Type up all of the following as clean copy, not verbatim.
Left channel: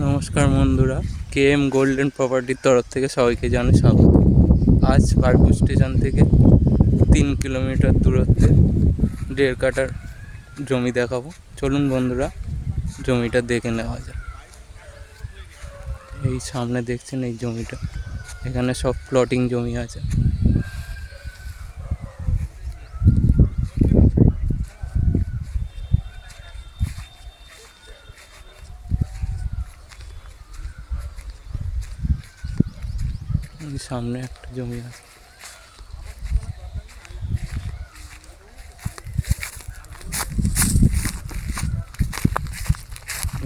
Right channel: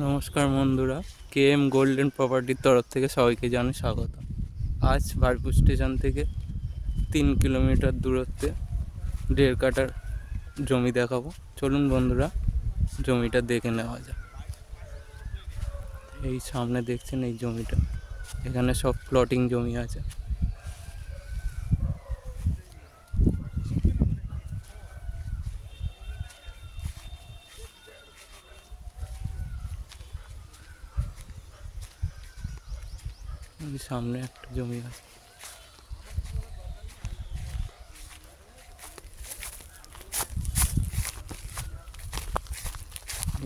নমস্কার বন্ধুরা, KM golden প্রপার্টির তরফ থেকে সবাইকে জানাই স্বাগত। আজ বারপুর স্টেশন থেকে 3 কিলোমিটার দূরত্বে 1.5 কাঠার জমি দেখাবো। চলুন বন্ধুরা, জমিটা দেখে নেওয়া যায়। এই সামনে দেখছেন এই জমিটা, এখানে সব প্লটিং জমি আছে। এই সামনে একটা জমি আছে।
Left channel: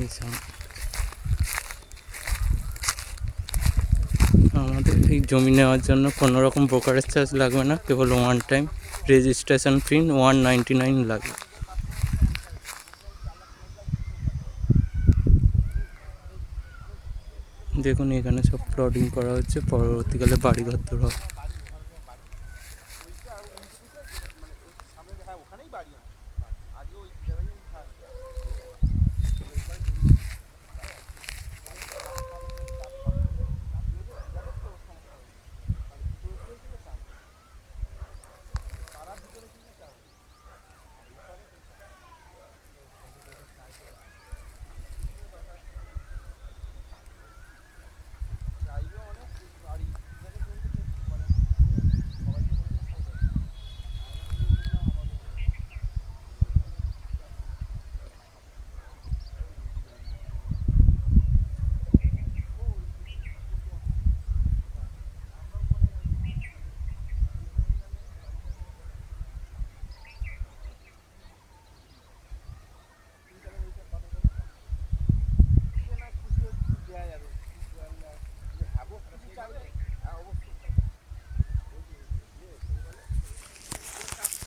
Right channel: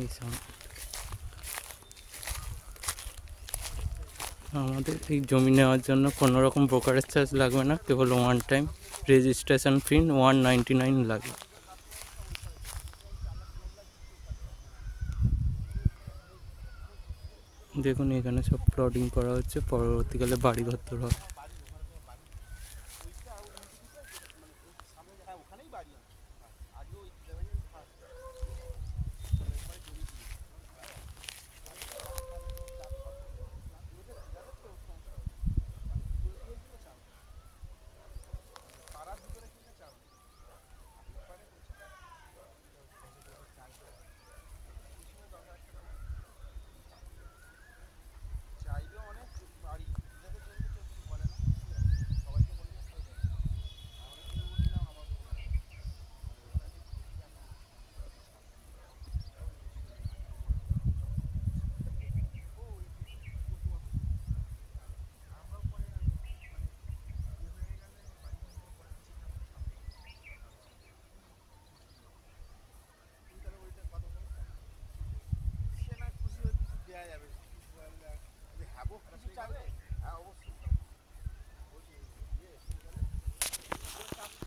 এই সামনে আমাদের এই জমি নেওয়ার জন্য কোনো রকম ব্রোকারেজ চার্জ লাগবে না, কেবল ওয়ান টাইম রেজিস্ট্রেশন ফি 199 লাগবে। দেখুন এখানে সব প্লটিং করা হচ্ছে, পরবর্তীকালে বাড়িঘর তোলা হবে।